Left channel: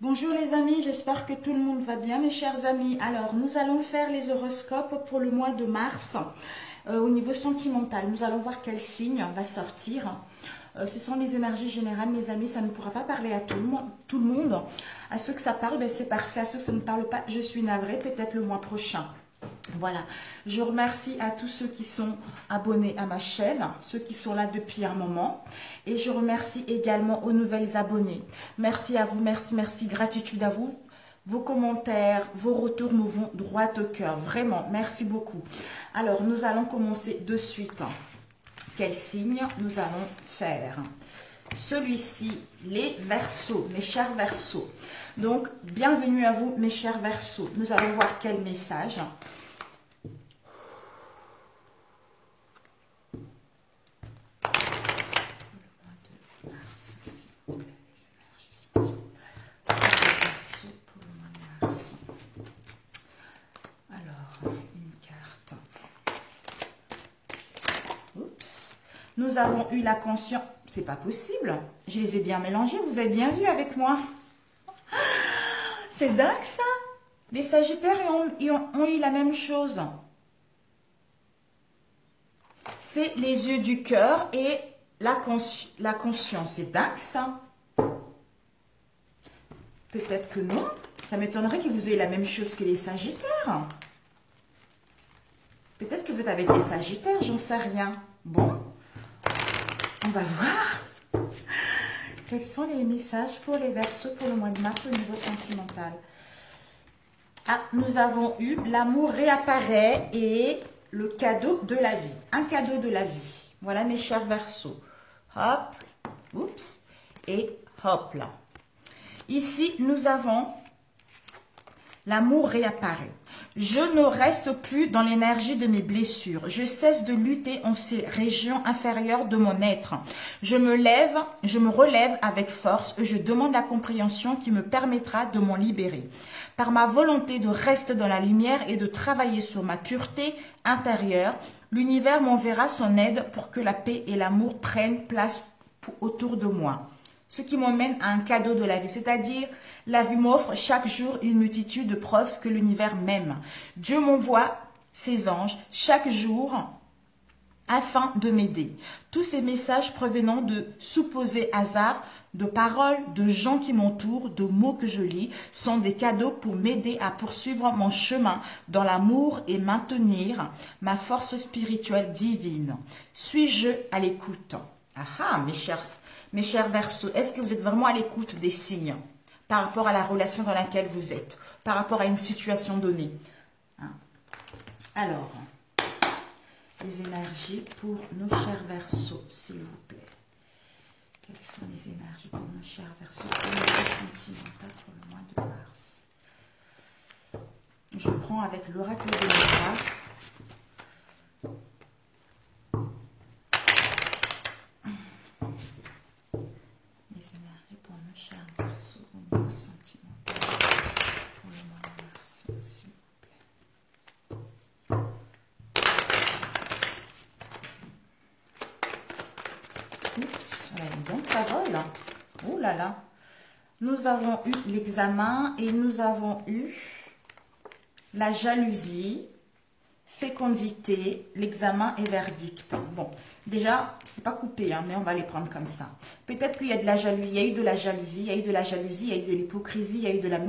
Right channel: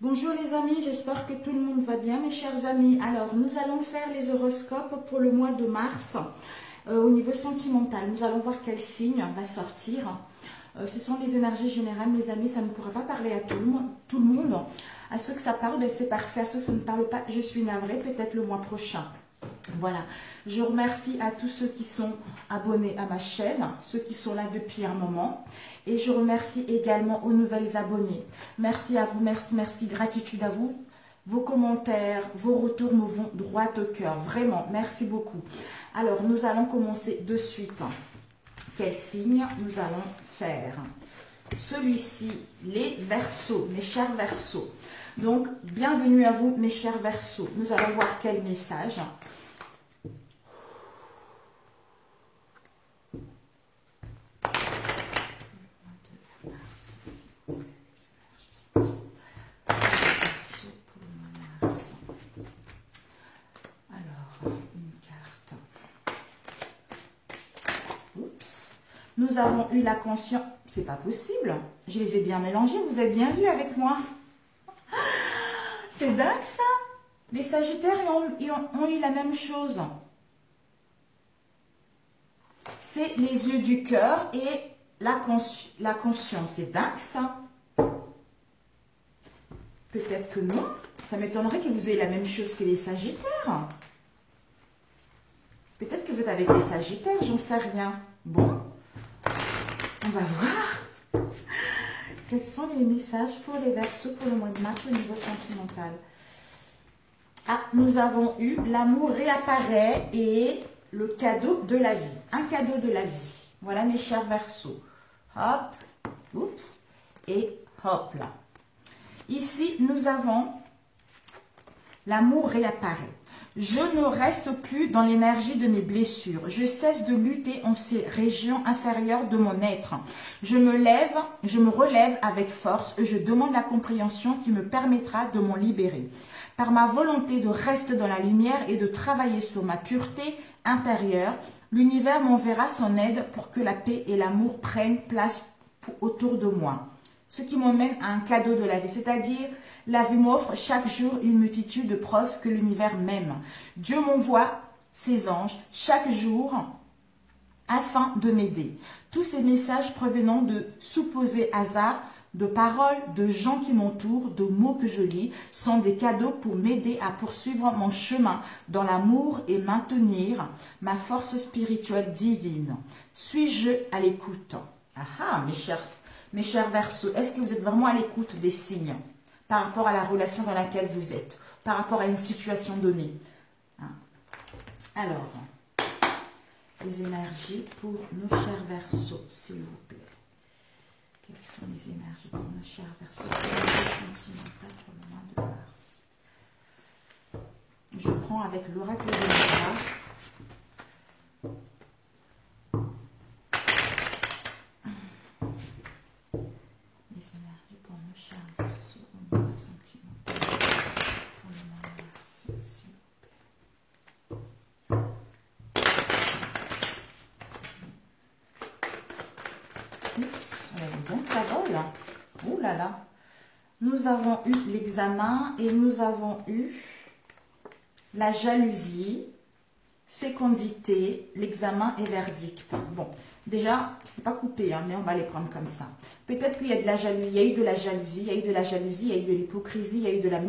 Bonjour les amis, j'espère que tout le monde va bien mes chers amis. Alors nous allons faire les horoscopes pour le mois de mars au niveau sentimental. Nous allons voir quel signe va sortir. Ce sont les énergies générales mes amis, ça ne pourra pas parler à tout le monde. À ceux que ça parle, ben, c'est parfait. À ceux que ça ne parle pas, je suis navrée, peut-être le mois prochain. Voilà, je remercie à tous ceux qui sont abonnés à ma chaîne, ceux qui sont là depuis un moment. Et je remercie également aux nouvelles abonnés. Merci à vous, merci, gratitude à vous. Vos commentaires, vos retours me vont droit au cœur. Vraiment, merci beaucoup. Alors, nous allons commencer de suite. Quel signe nous allons faire? Celui-ci, les Verseaux, mes chers Verseaux. Donc, bienvenue à vous, mes chers Verseaux. Nous allons voir quel message. Nous avons eu la conscience, c'est pas possible, je les ai bien mélangés, vous avez bien vu avec moi. C'est dingue ça. Les Sagittaires ont eu la même chose. C'est les yeux du cœur et la conscience, c'est dingue ça. Peut-être que non, ça m'étonnerait que vous ayez la même chose que les Sagittaires. Peut-être que vous êtes avec les Sagittaires, j'en sais rien. Bon. On va voir quels sont les messages pour les Verseaux pour le mois de mars au niveau sentimental. Ah, nous avons eu l'amour réapparaît et le cadeau de la vie. Un cadeau de la vie. Voilà mes chers Verseaux. Hop, oups, et hop là. Ici, nous avons l'amour réapparaît. Je ne reste plus dans l'énergie de mes blessures. Je cesse de lutter en ces régions inférieures de mon être. Je me relève avec force et je demande la compréhension qui me permettra de m'en libérer. Par ma volonté de rester dans la lumière et de travailler sur ma pureté intérieure, l'univers m'enverra son aide pour que la paix et l'amour prennent place autour de moi. Ce qui m'emmène à un cadeau de la vie, c'est-à-dire la vie m'offre chaque jour une multitude de preuves que l'univers m'aime. Dieu m'envoie ses anges chaque jour afin de m'aider. Tous ces messages provenant de supposés hasards, de paroles, de gens qui m'entourent, de mots que je lis, sont des cadeaux pour m'aider à poursuivre mon chemin dans l'amour et maintenir ma force spirituelle divine. Suis-je à l'écoute? Ah, mes chers Verseaux, est-ce que vous êtes vraiment à l'écoute des signes par rapport à la relation dans laquelle vous êtes, par rapport à une situation donnée? Alors, les énergies pour nos chers Verseaux, s'il vous plaît. Quelles sont les énergies pour nos chers Verseaux pour le sentimental pour le mois de mars? Je prends avec l'oracle de l'État. Donc ça vole. Oh là là. Nous avons eu l'examen et nous avons eu la jalousie, fécondité, l'examen et verdict. Bon, déjà, c'est pas coupé, hein, mais on va les prendre comme ça. Peut-être qu'il y a de la jalousie, il y a eu de la jalousie, il y a eu de la jalousie, il y a eu de l'hypocrisie, il y a eu de la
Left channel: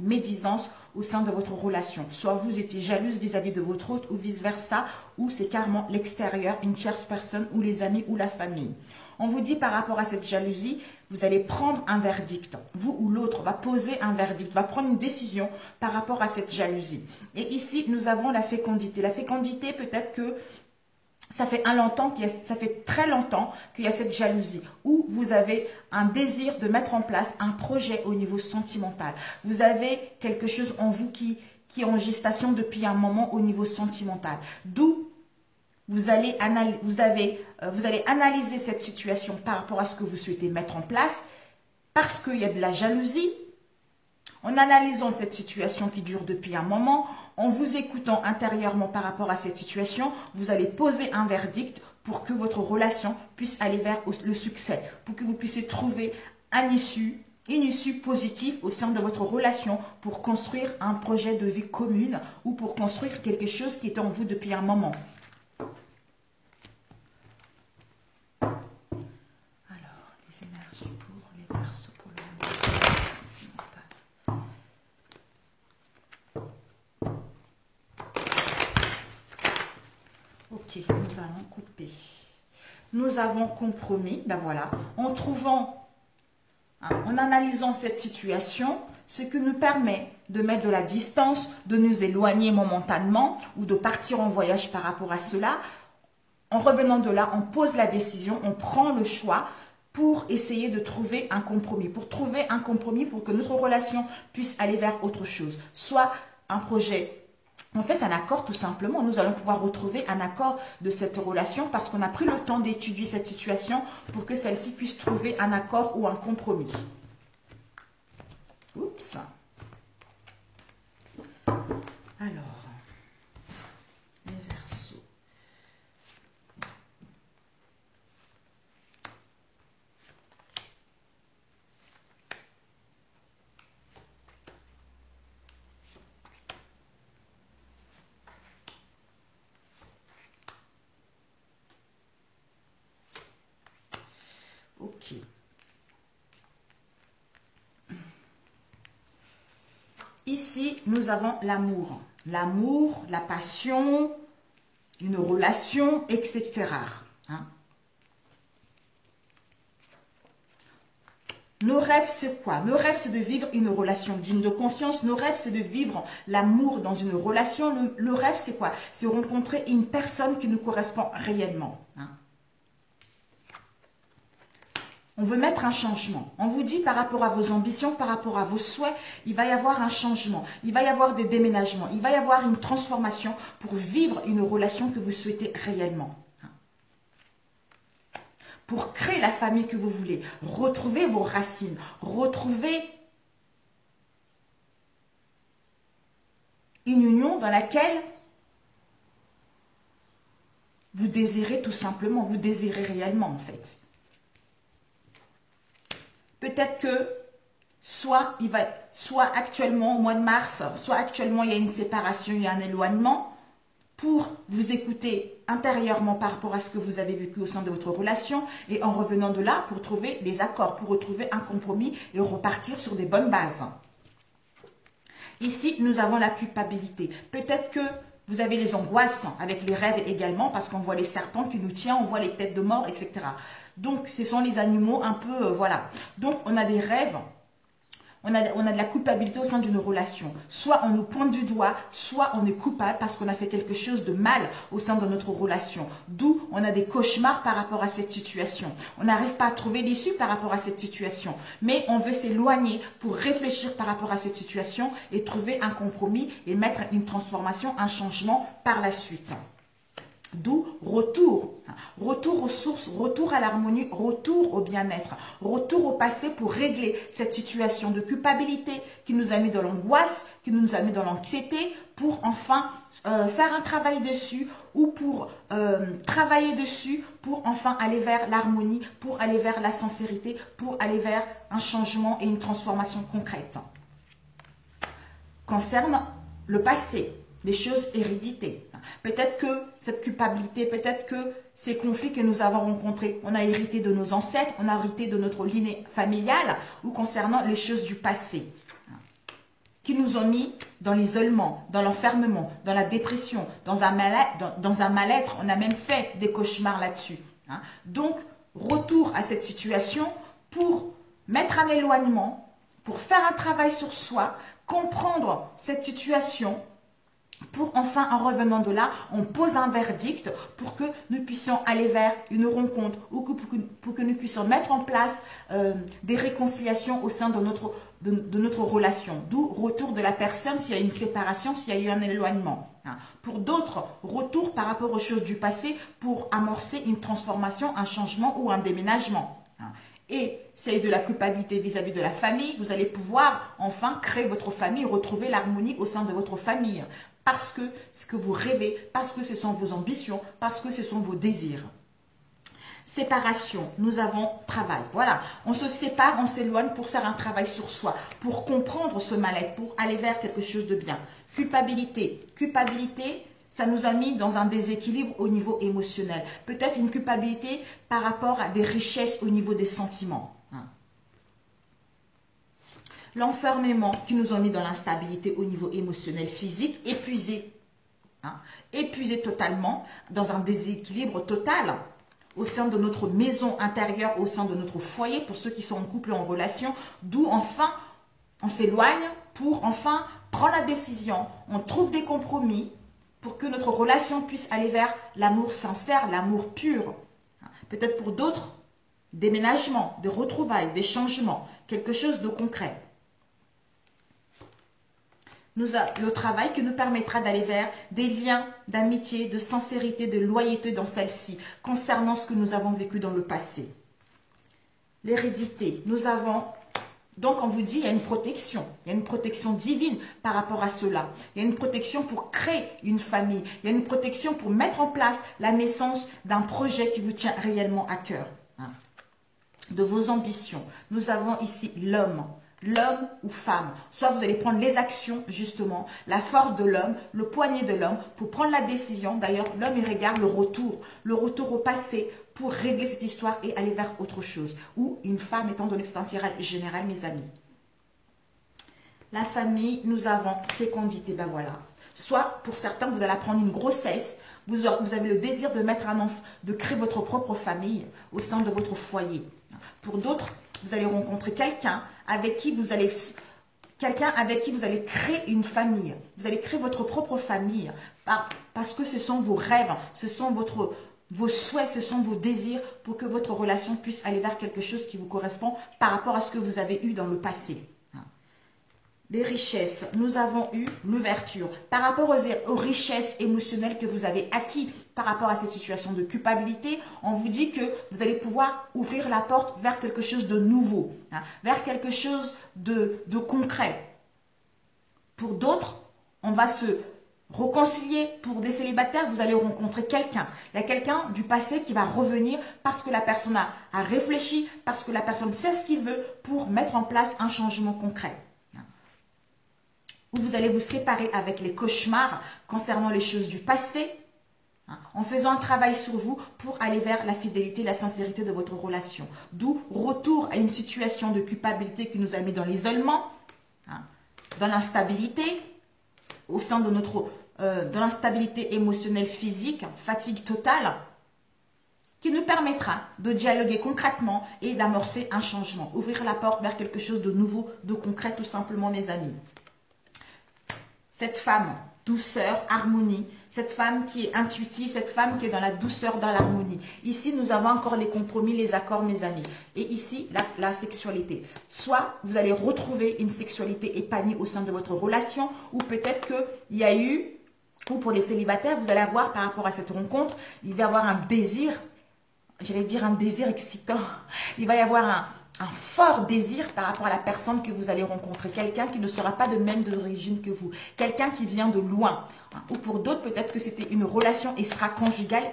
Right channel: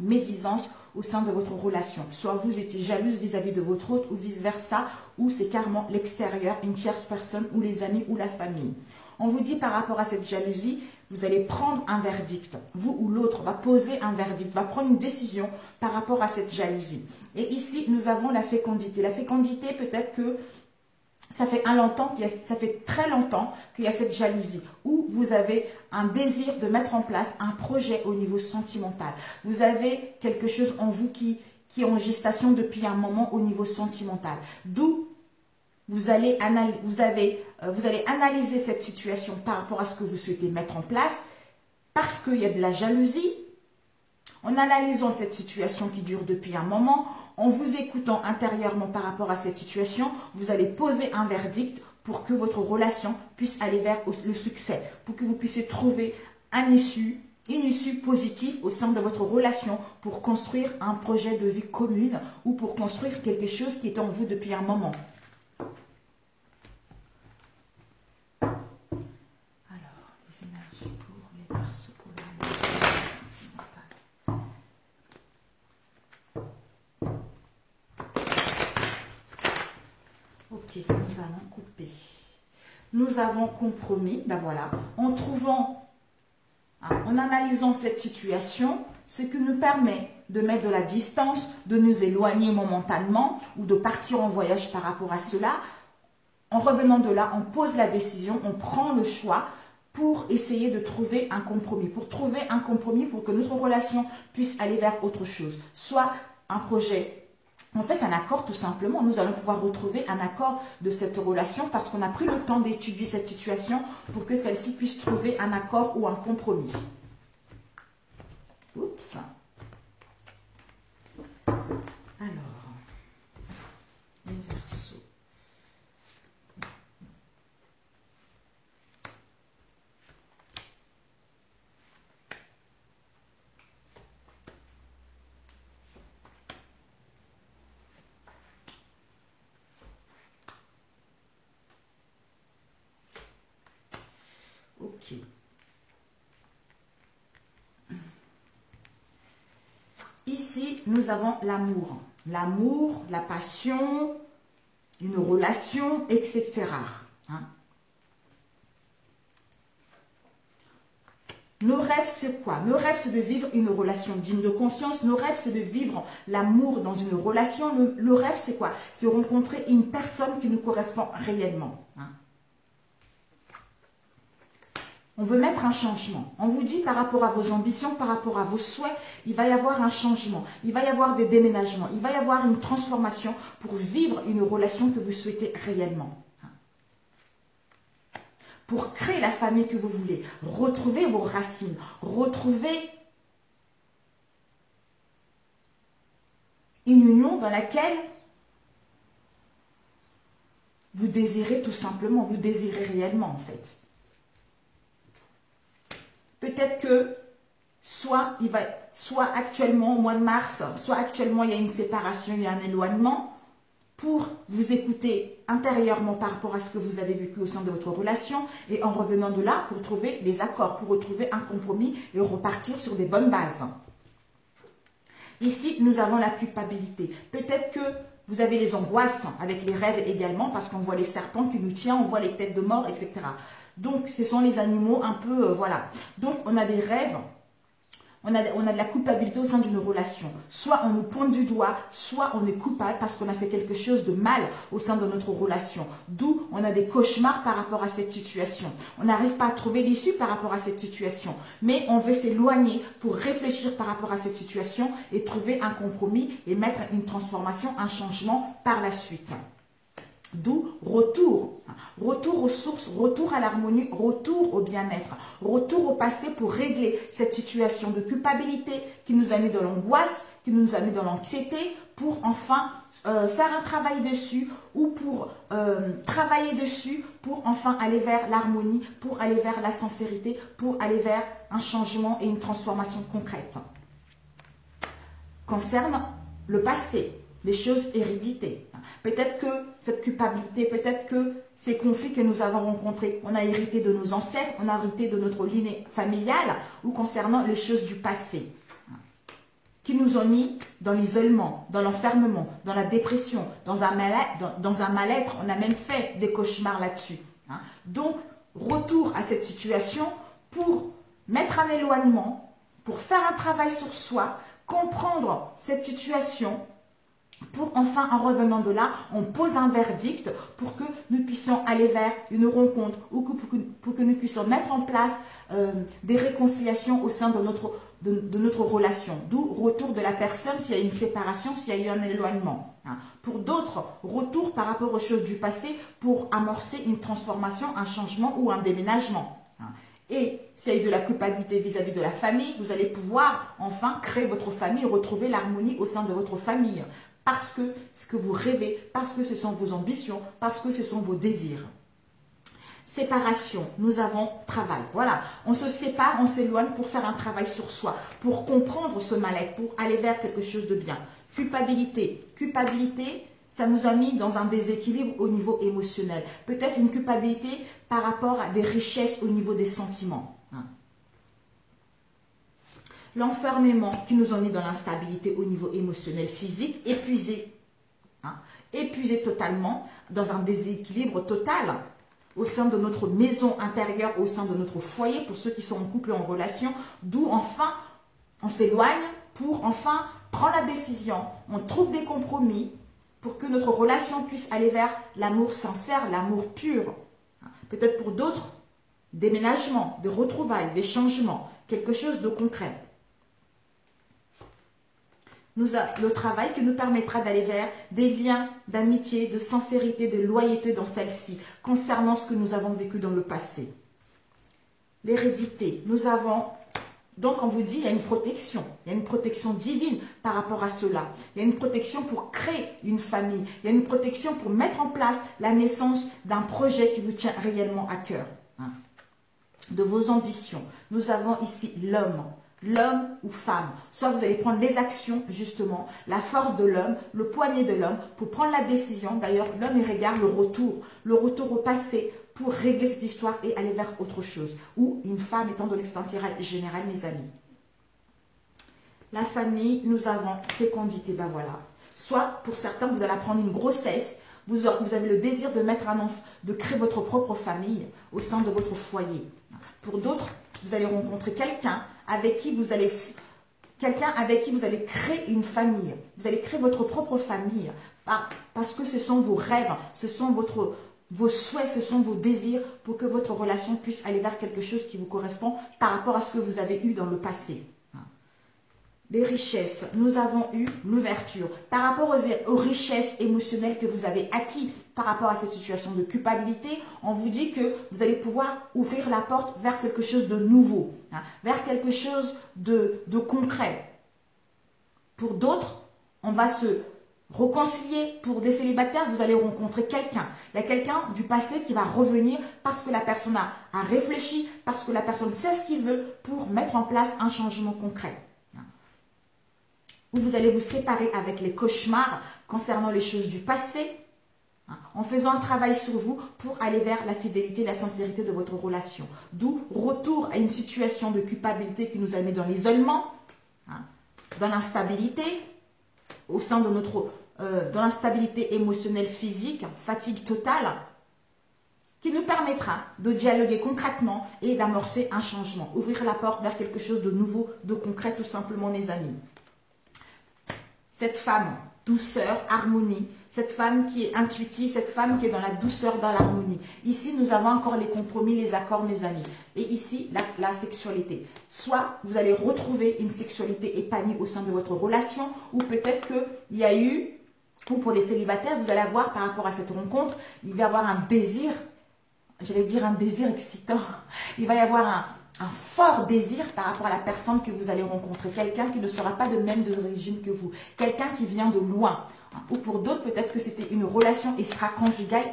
médisance au sein de votre relation. Soit vous étiez jalouse vis-à-vis de votre autre ou vice-versa, ou c'est carrément l'extérieur, une tierce personne, ou les amis ou la famille. On vous dit par rapport à cette jalousie, vous allez prendre un verdict. Vous ou l'autre va poser un verdict, va prendre une décision par rapport à cette jalousie. Et ici, nous avons la fécondité. La fécondité, peut-être que ça fait très longtemps qu'il y a cette jalousie, où vous avez un désir de mettre en place un projet au niveau sentimental. Vous avez quelque chose en vous qui est en gestation depuis un moment au niveau sentimental. D'où vous allez analyser cette situation par rapport à ce que vous souhaitez mettre en place, parce qu'il y a de la jalousie. En analysant cette situation qui dure depuis un moment, en vous écoutant intérieurement par rapport à cette situation, vous allez poser un verdict pour que votre relation puisse aller vers le succès, pour que vous puissiez trouver un issue une issue positive au sein de votre relation pour construire un projet de vie commune ou pour construire quelque chose qui est en vous depuis un moment. Alors, les énergies pour les Verseaux pour le monde sentimental. Ok, nous allons couper. Nous avons compromis, ben voilà, en trouvant, en analysant cette situation, ce qui nous permet de mettre de la distance, de nous éloigner momentanément ou de partir en voyage par rapport à cela. En revenant de là, on pose la décision, on prend le choix pour essayer de trouver un compromis, pour que notre relation puisse aller vers autre chose, soit un projet. En fait, c'est un accord tout simplement. Nous allons pouvoir retrouver un accord de cette relation parce qu'on a pris le temps d'étudier cette situation pour que celle-ci puisse trouver un accord ou un compromis. Oups. Alors, les Verseaux. Ok. Ici, nous avons l'amour. L'amour, la passion, une relation, etc. Hein? Nos rêves, c'est quoi? Nos rêves, c'est de vivre une relation digne de confiance. Nos rêves, c'est de vivre l'amour dans une relation. Le rêve, c'est quoi? C'est de rencontrer une personne qui nous correspond réellement. Hein? On veut mettre un changement. On vous dit par rapport à vos ambitions, par rapport à vos souhaits, il va y avoir un changement. Il va y avoir des déménagements. Il va y avoir une transformation pour vivre une relation que vous souhaitez réellement. Pour créer la famille que vous voulez. Retrouver vos racines. Retrouver une union dans laquelle vous désirez tout simplement. Vous désirez réellement en fait. Peut-être que soit actuellement au mois de mars, soit actuellement il y a une séparation, il y a un éloignement, pour vous écouter intérieurement par rapport à ce que vous avez vécu au sein de votre relation et en revenant de là pour trouver des accords, pour retrouver un compromis et repartir sur des bonnes bases. Ici, nous avons la culpabilité. Peut-être que vous avez les angoisses avec les rêves également parce qu'on voit les serpents qui nous tiennent, on voit les têtes de mort, etc. Donc, ce sont les animaux un peu, voilà. Donc, on a des rêves, on a de la culpabilité au sein d'une relation. Soit on nous pointe du doigt, soit on est coupable parce qu'on a fait quelque chose de mal au sein de notre relation. D'où on a des cauchemars par rapport à cette situation. On n'arrive pas à trouver l'issue par rapport à cette situation. Mais on veut s'éloigner pour réfléchir par rapport à cette situation et trouver un compromis et mettre une transformation, un changement par la suite. D'où retour aux sources, retour à l'harmonie, retour au bien-être, retour au passé pour régler cette situation de culpabilité qui nous a mis dans l'angoisse, qui nous a mis dans l'anxiété, pour enfin faire un travail dessus ou pour travailler dessus, pour enfin aller vers l'harmonie, pour aller vers la sincérité, pour aller vers un changement et une transformation concrète. Concernant le passé, les choses héréditées. Peut-être que cette culpabilité, peut-être que ces conflits que nous avons rencontrés, on a hérité de nos ancêtres, on a hérité de notre lignée familiale ou concernant les choses du passé qui nous ont mis dans l'isolement, dans l'enfermement, dans la dépression, dans un mal-être. On a même fait des cauchemars là-dessus. Donc, retour à cette situation pour mettre un éloignement, pour faire un travail sur soi, comprendre cette situation, pour enfin, en revenant de là, on pose un verdict pour que nous puissions aller vers une rencontre ou pour que nous puissions mettre en place des réconciliations au sein de notre relation. D'où retour de la personne s'il y a une séparation, s'il y a eu un éloignement. Pour d'autres, retour par rapport aux choses du passé pour amorcer une transformation, un changement ou un déménagement. Et s'il y a eu de la culpabilité vis-à-vis de la famille, vous allez pouvoir enfin créer votre famille, retrouver l'harmonie au sein de votre famille. Parce que ce que vous rêvez, parce que ce sont vos ambitions, parce que ce sont vos désirs. Séparation, nous avons travail. Voilà, on se sépare, on s'éloigne pour faire un travail sur soi, pour comprendre ce mal-être, pour aller vers quelque chose de bien. Culpabilité, ça nous a mis dans un déséquilibre au niveau émotionnel. Peut-être une culpabilité par rapport à des richesses au niveau des sentiments. L'enfermement qui nous a mis dans l'instabilité au niveau émotionnel, physique, épuisé. Épuisé totalement, dans un déséquilibre total au sein de notre maison intérieure, au sein de notre foyer, pour ceux qui sont en couple et en relation, d'où enfin on s'éloigne pour enfin prendre la décision, on trouve des compromis pour que notre relation puisse aller vers l'amour sincère, l'amour pur. Peut-être pour d'autres, déménagement, des retrouvailles, des changements, quelque chose de concret. Le travail qui nous permettra d'aller vers des liens d'amitié, de sincérité, de loyauté dans celle-ci, concernant ce que nous avons vécu dans le passé. L'hérédité, nous avons, donc on vous dit, il y a une protection divine par rapport à cela. Il y a une protection pour créer une famille, il y a une protection pour mettre en place la naissance d'un projet qui vous tient réellement à cœur, de vos ambitions. Nous avons ici l'homme ou femme. Soit vous allez prendre les actions, justement, la force de l'homme, le poignet de l'homme, pour prendre la décision. D'ailleurs, l'homme, il regarde le retour au passé, pour régler cette histoire et aller vers autre chose. Ou une femme, étant donné que c'est un tirage général, mes amis. La famille, nous avons fécondité, ben voilà. Soit, pour certains, vous allez apprendre une grossesse, vous avez le désir de mettre un enfant, de créer votre propre famille au sein de votre foyer. Pour d'autres, vous allez rencontrer quelqu'un avec qui vous allez créer une famille. Vous allez créer votre propre famille parce que ce sont vos rêves, ce sont vos souhaits, ce sont vos désirs pour que votre relation puisse aller vers quelque chose qui vous correspond par rapport à ce que vous avez eu dans le passé. Les richesses, nous avons eu l'ouverture. Par rapport aux richesses émotionnelles que vous avez acquises par rapport à cette situation de culpabilité, on vous dit que vous allez pouvoir ouvrir la porte vers quelque chose de nouveau, vers quelque chose de concret. Pour d'autres, on va se réconcilier. Pour des célibataires, vous allez rencontrer quelqu'un. Il y a quelqu'un du passé qui va revenir parce que la personne a réfléchi, parce que la personne sait ce qu'il veut pour mettre en place un changement concret. Où vous allez vous séparer avec les cauchemars concernant les choses du passé, en faisant un travail sur vous pour aller vers la fidélité, la sincérité de votre relation. D'où retour à une situation de culpabilité qui nous a mis dans l'isolement, dans l'instabilité, au sein de dans l'instabilité émotionnelle, physique, fatigue totale, qui nous permettra de dialoguer concrètement et d'amorcer un changement. Ouvrir la porte vers quelque chose de nouveau, de concret, tout simplement, mes amis. Cette femme, douceur, harmonie, cette femme qui est intuitive, cette femme qui est dans la douceur, dans l'harmonie. Ici, nous avons encore les compromis, les accords, mes amis. Et ici, la sexualité. Soit vous allez retrouver une sexualité épanouie au sein de votre relation, ou peut-être qu'il y a eu, ou pour les célibataires, vous allez avoir par rapport à cette rencontre, il va y avoir un désir, j'allais dire un désir excitant. Il va y avoir un fort désir par rapport à la personne que vous allez rencontrer. Quelqu'un qui ne sera pas de même d'origine que vous. Quelqu'un qui vient de loin. Ou pour d'autres, peut-être que c'était une relation extra-conjugale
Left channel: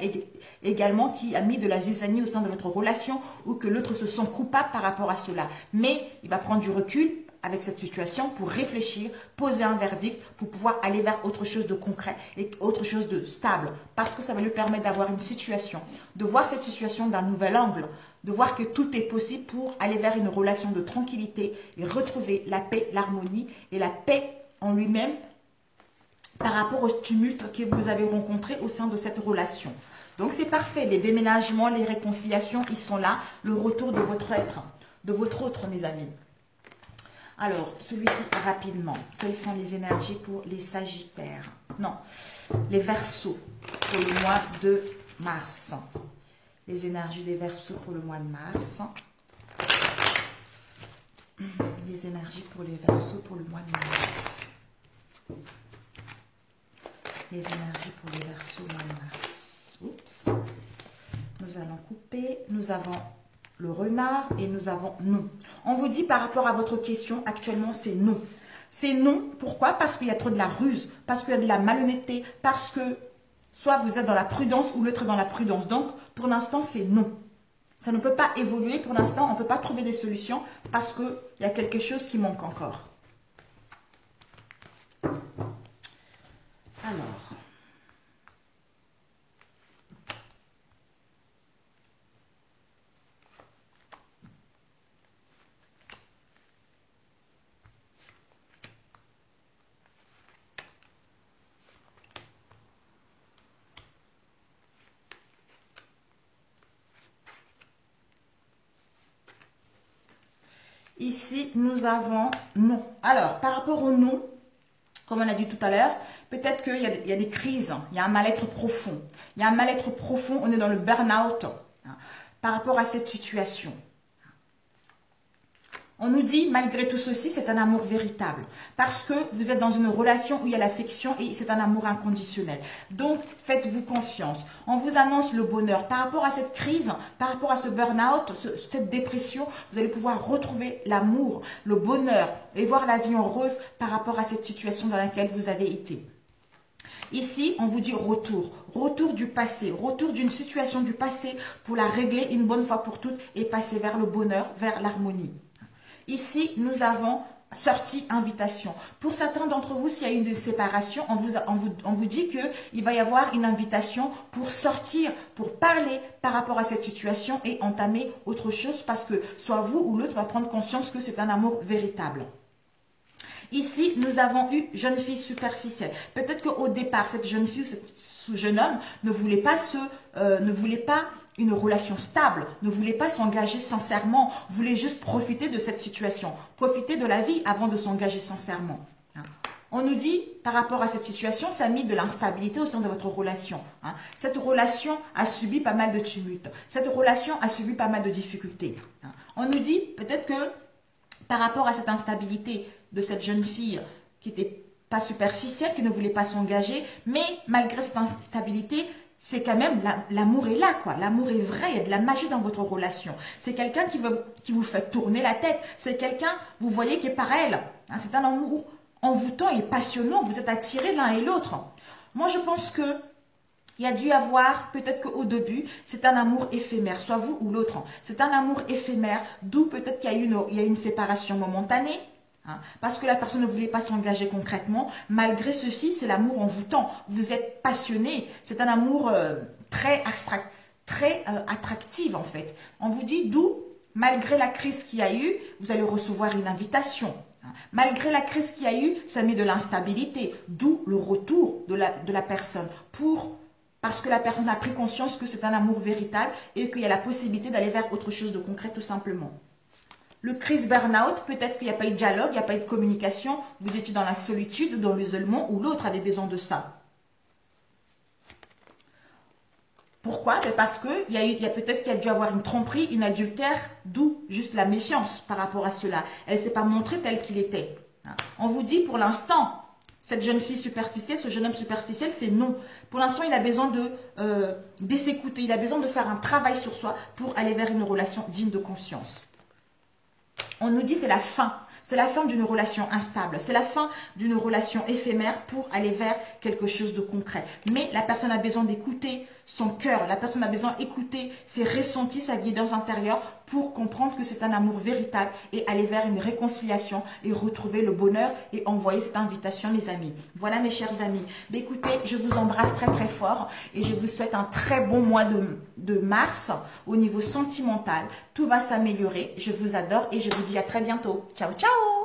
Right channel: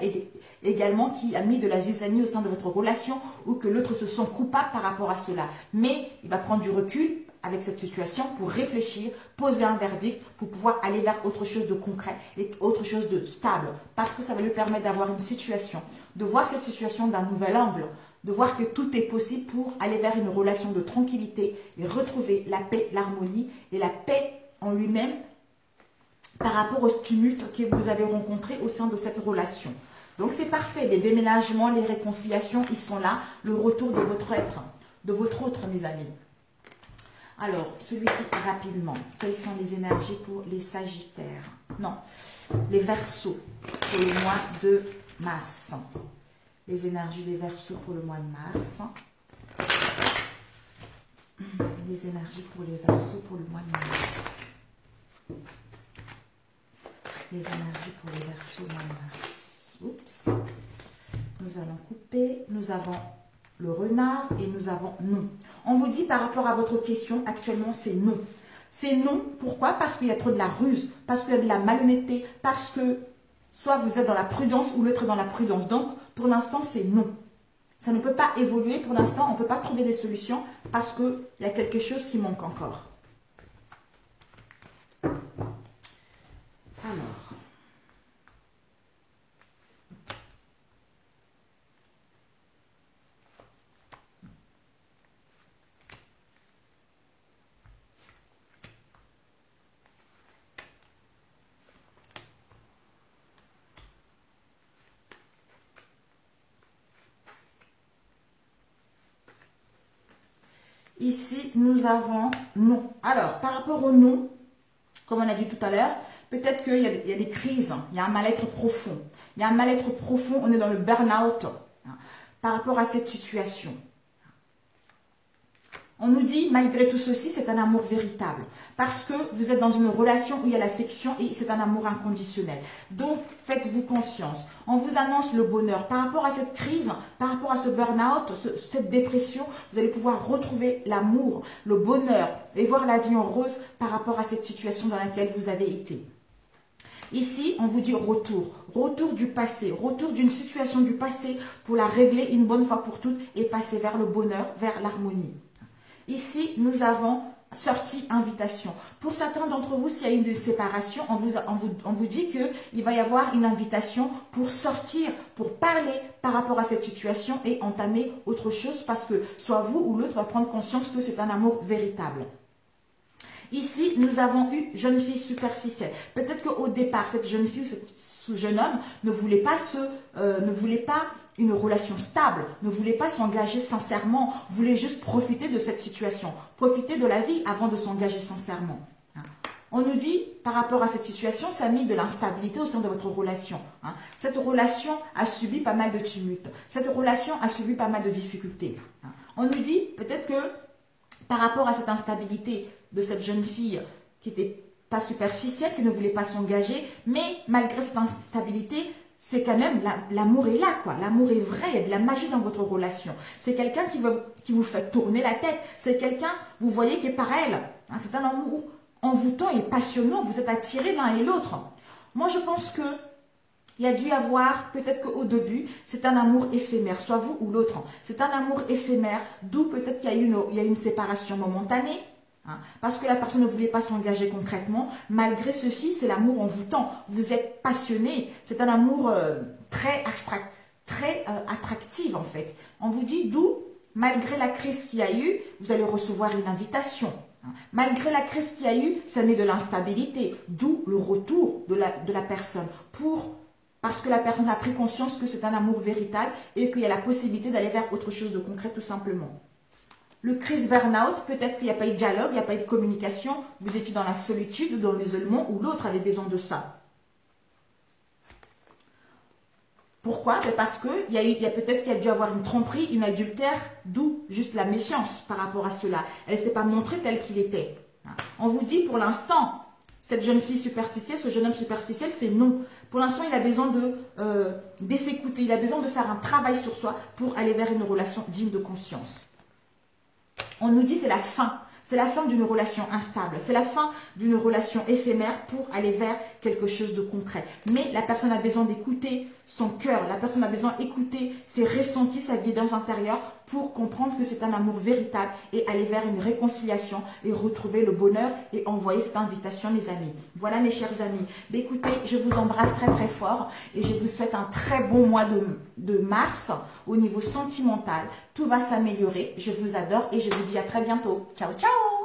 également qui a mis de la zizanie au sein de votre relation ou que l'autre se sent coupable par rapport à cela. Mais il va prendre du recul avec cette situation pour réfléchir, poser un verdict pour pouvoir aller vers autre chose de concret et autre chose de stable. Parce que ça va lui permettre d'avoir une situation, de voir cette situation d'un nouvel angle, de voir que tout est possible pour aller vers une relation de tranquillité et retrouver la paix, l'harmonie et la paix en lui-même par rapport au tumulte que vous avez rencontré au sein de cette relation. Donc c'est parfait, les déménagements, les réconciliations, ils sont là, le retour de votre être, de votre autre, mes amis. Alors, celui-ci rapidement, quelles sont les énergies pour les Sagittaires? Non, les Verseaux pour le mois de mars. Les énergies des Verseaux pour le mois de mars. Les énergies pour les Verseaux pour le mois de mars. Les énergies pour les Verseaux au mois de mars. Oups. Nous allons couper. Nous avons le renard et nous avons non. On vous dit par rapport à votre question, actuellement c'est non. C'est non, pourquoi? Parce qu'il y a trop de la ruse, parce qu'il y a de la malhonnêteté, parce que soit vous êtes dans la prudence ou l'autre est dans la prudence. Donc, pour l'instant, c'est non. Ça ne peut pas évoluer pour l'instant, on ne peut pas trouver des solutions parce qu'il y a quelque chose qui manque encore. Alors, ici, nous avons non. Alors, par rapport au non, comme on a dit tout à l'heure, peut-être qu'il y a des crises, il y a un mal-être profond. Il y a un mal-être profond, on est dans le burn-out par rapport à cette situation. On nous dit, malgré tout ceci, c'est un amour véritable. Parce que vous êtes dans une relation où il y a l'affection et c'est un amour inconditionnel. Donc, faites-vous confiance. On vous annonce le bonheur. Par rapport à cette crise, par rapport à ce burn-out, cette dépression, vous allez pouvoir retrouver l'amour, le bonheur et voir la vie en rose par rapport à cette situation dans laquelle vous avez été. Ici, on vous dit retour. Retour du passé, retour d'une situation du passé pour la régler une bonne fois pour toutes et passer vers le bonheur, vers l'harmonie. Ici, nous avons sortie invitation. Pour certains d'entre vous, s'il y a une séparation, on vous dit qu'il va y avoir une invitation pour sortir, pour parler par rapport à cette situation et entamer autre chose parce que soit vous ou l'autre va prendre conscience que c'est un amour véritable. Ici, nous avons eu jeune fille superficielle. Peut-être qu'au départ, cette jeune fille, ce jeune homme ne voulait pas une relation stable, ne voulait pas s'engager sincèrement, voulait juste profiter de cette situation, profiter de la vie avant de s'engager sincèrement. On nous dit, par rapport à cette situation, ça a mis de l'instabilité au sein de votre relation. Cette relation a subi pas mal de tumultes. Cette relation a subi pas mal de difficultés. On nous dit, peut-être que par rapport à cette instabilité de cette jeune fille qui n'était pas superficielle, qui ne voulait pas s'engager, mais malgré cette instabilité, c'est quand même, l'amour est là, quoi. L'amour est vrai, il y a de la magie dans votre relation. C'est quelqu'un qui vous fait tourner la tête. C'est quelqu'un, vous voyez, qui est par elle. C'est un amour envoûtant et passionnant. Vous êtes attirés l'un et l'autre. Moi, je pense que il y a dû y avoir, peut-être qu'au début, c'est un amour éphémère, soit vous ou l'autre. C'est un amour éphémère, d'où peut-être qu'il y a eu une séparation momentanée. Parce que la personne ne voulait pas s'engager concrètement. Malgré ceci, c'est l'amour envoûtant. Vous êtes passionné. C'est un amour très attractif en fait. On vous dit d'où, malgré la crise qu'il y a eu, vous allez recevoir une invitation. Malgré la crise qu'il y a eu, ça met de l'instabilité. D'où le retour de la personne. Parce que la personne a pris conscience que c'est un amour véritable et qu'il y a la possibilité d'aller vers autre chose de concret tout simplement. Le crise burn-out, peut-être qu'il n'y a pas eu de dialogue, il n'y a pas eu de communication, vous étiez dans la solitude, dans l'isolement, ou l'autre avait besoin de ça. Pourquoi? Parce qu'il y a peut-être qu'il y a dû avoir une tromperie, une adultère, d'où juste la méfiance par rapport à cela. Elle ne s'est pas montrée telle qu'il était. On vous dit pour l'instant, cette jeune fille superficielle, ce jeune homme superficiel, c'est non. Pour l'instant, il a besoin de s'écouter, il a besoin de faire un travail sur soi pour aller vers une relation digne de confiance. On nous dit c'est la fin. C'est la fin d'une relation instable. C'est la fin d'une relation éphémère pour aller vers quelque chose de concret. Mais la personne a besoin d'écouter son cœur. La personne a besoin d'écouter ses ressentis, sa guidance intérieure pour comprendre que c'est un amour véritable et aller vers une réconciliation et retrouver le bonheur et envoyer cette invitation, les amis. Voilà mes chers amis. Mais écoutez, je vous embrasse très très fort et je vous souhaite un très bon mois de mars au niveau sentimental. Tout va s'améliorer. Je vous adore et je vous dis à très bientôt. Ciao, ciao!